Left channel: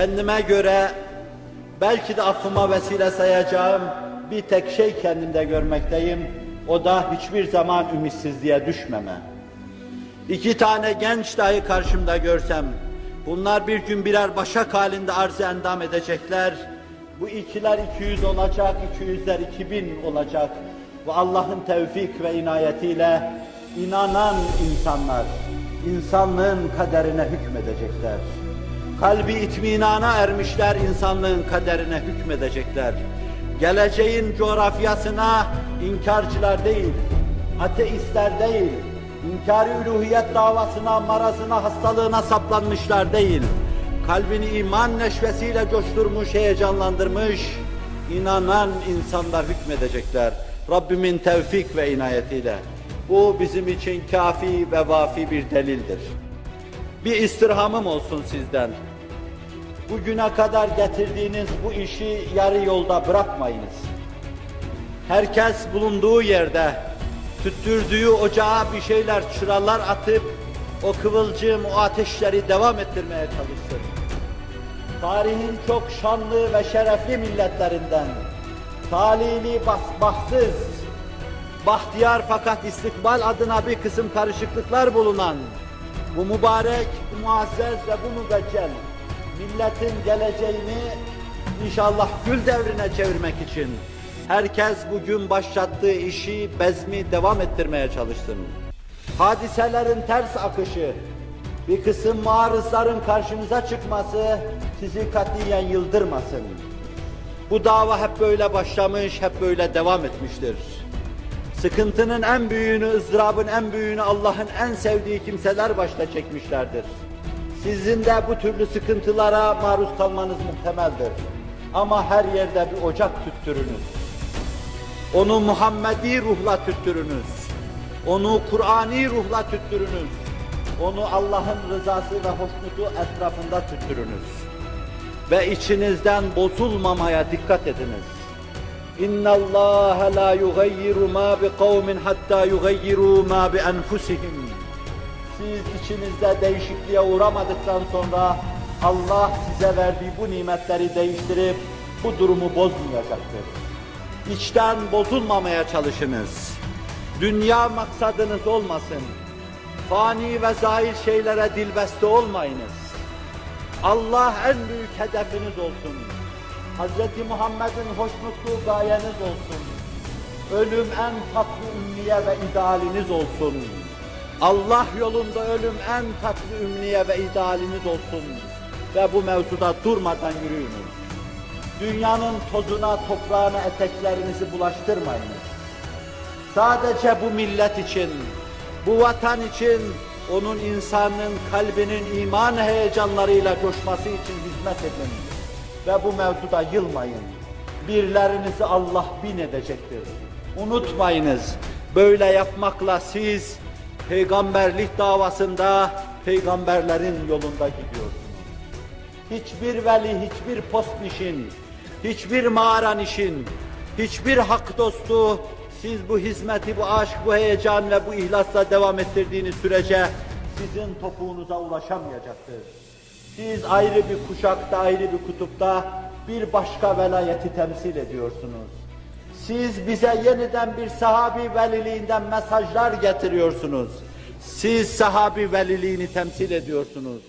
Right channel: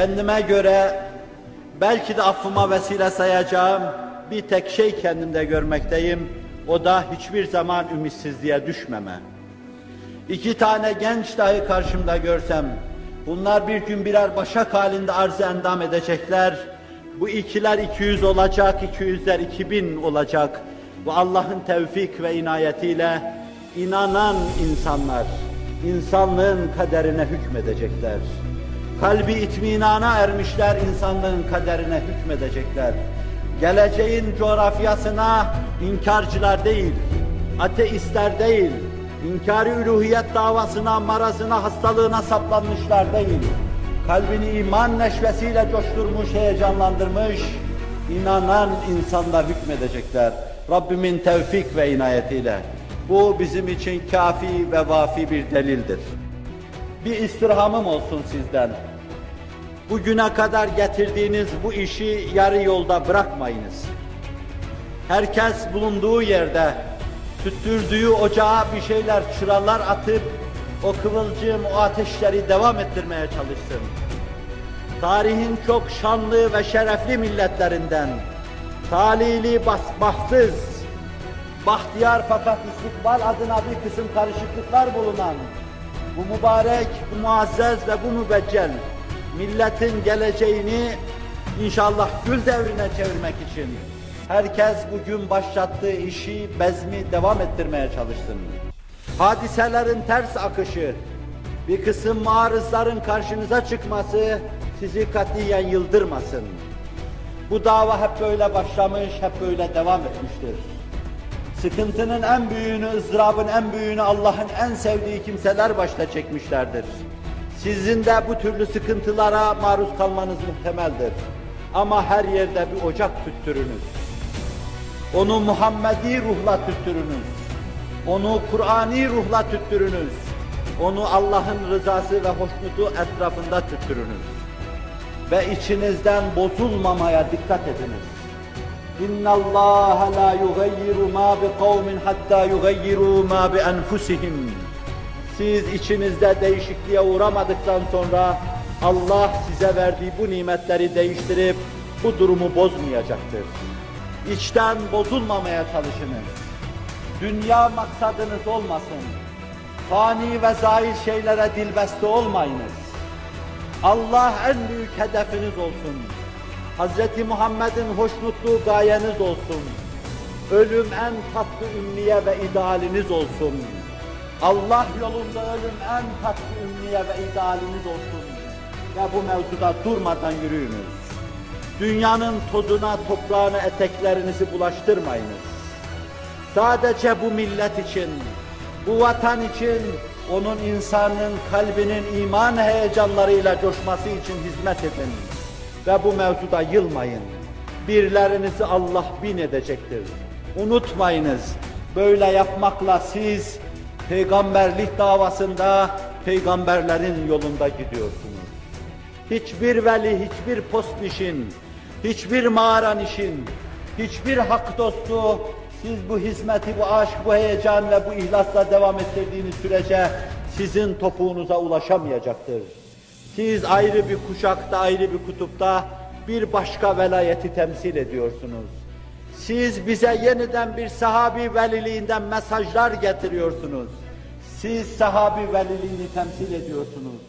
kendime göre belki de affıma vesile sayacağım bir tek şey kendimde görmekteyim. O da hiçbir zaman ümitsizliğe düşmeme. İki tane genç dahi karşımda görsem, bunlar bir gün birer başak halinde arz endam edecekler. Bu ikiler 200 olacak, 200'ler 2000 olacak. Ve Allah'ın tevfik ve inayetiyle inanan insanlar, insanlığın kaderine hükmedecekler. Kalbi itminana ermişler, insanlığın kaderine hükmedecekler. Geleceğin coğrafyasına inkarcılar değil, ateistler değil, inkar-ı üluhiyet davasına, marazına, hastalığına saplanmışlar değil, kalbini iman neşvesiyle coşturmuş, heyecanlandırmış, inanan insanlar hükmedecekler. Rabbimin tevfik ve inayetiyle. Bu bizim için kâfi ve vâfi bir delildir. Bir istirhamım olsun sizden. Bugüne kadar getirdiğiniz bu işi yarı yolda bırakmayınız. Herkes bulunduğu yerde, tüttürdüğü ocağa bir şeyler, çıralar atıp, o kıvılcım, o ateşleri devam ettirmeye çalışsın. Tarihin çok şanlı ve şerefli milletlerinden, talihli, bahtsız, bahtiyar fakat istikbal adına bir kısım karışıklıklar bulunan, bu mübarek, bu muazzez ve bu mübeccel milletin geleceğini inşallah gül devrine çevirmek için herkes bugün başlattığı işi, bezmi devam ettirmeye çalışsın. Hadiselerin ters akışı, bir kısım marızların karşınıza çıkması sizi katiyen yıldırmasın. Bu dava hep böyle başlamış, hep böyle devam etmiştir. Sıkıntının en büyüğünü, ızdırabın en büyüğünü Allah'ın en sevdiği kimseler başta çekmişlerdir. Sizin de bu türlü sıkıntılara maruz kalmanız muhtemeldir. Ama her yerde bir ocak tüttürünüz. Onu Muhammedi ruhla tüttürünüz. Onu Kur'ani ruhla tüttürünüz. Onu Allah'ın rızası ve hoşnutu etrafında tüttürünüz. Ve içinizden bozulmamaya dikkat ediniz. اِنَّ اللّٰهَ لَا يُغَيِّرُ مَا بِقَوْمٍ حَتَّى يُغَيِّرُوا مَا بِأَنْفُسِهِمْ. Siz içinizde değişikliğe uğramadıktan sonra Allah size verdiği bu nimetleri değiştirip bu durumu bozmayacaktır. İçten bozulmamaya çalışınız. Dünya maksadınız olmasın. Fani ve zahir şeylere dilbeste olmayınız. Allah en büyük hedefiniz olsun. Hz. Muhammed'in hoşnutluğu gayeniz olsun. Ölüm en tatlı ümniye ve idealiniz olsun. Allah yolunda ölüm en tatlı ümniye ve idealiniz olsun. Ve bu mevzuda durmadan yürüyünüz. Dünyanın tozuna, toprağına eteklerinizi bulaştırmayınız. Sadece bu millet için, bu vatan için, onun insanın kalbinin iman heyecanlarıyla coşması için hizmet edin. Ve bu mevzuda yılmayın. Birlerinizi Allah bin edecektir. Unutmayınız, böyle yapmakla siz peygamberlik davasında peygamberlerin yolunda gidiyorsunuz. Hiçbir veli, hiçbir post işin, hiçbir mağaran işin, hiçbir hak dostu siz bu hizmeti, bu aşk, bu heyecan ve bu ihlasla devam ettirdiğiniz sürece sizin topuğunuza ulaşamayacaktır. Siz ayrı bir kuşakta, ayrı bir kutupta bir başka velayeti temsil ediyorsunuz. Siz bize yeniden bir sahabi veliliğinden mesajlar getiriyorsunuz. Siz sahabi veliliğini temsil ediyorsunuz.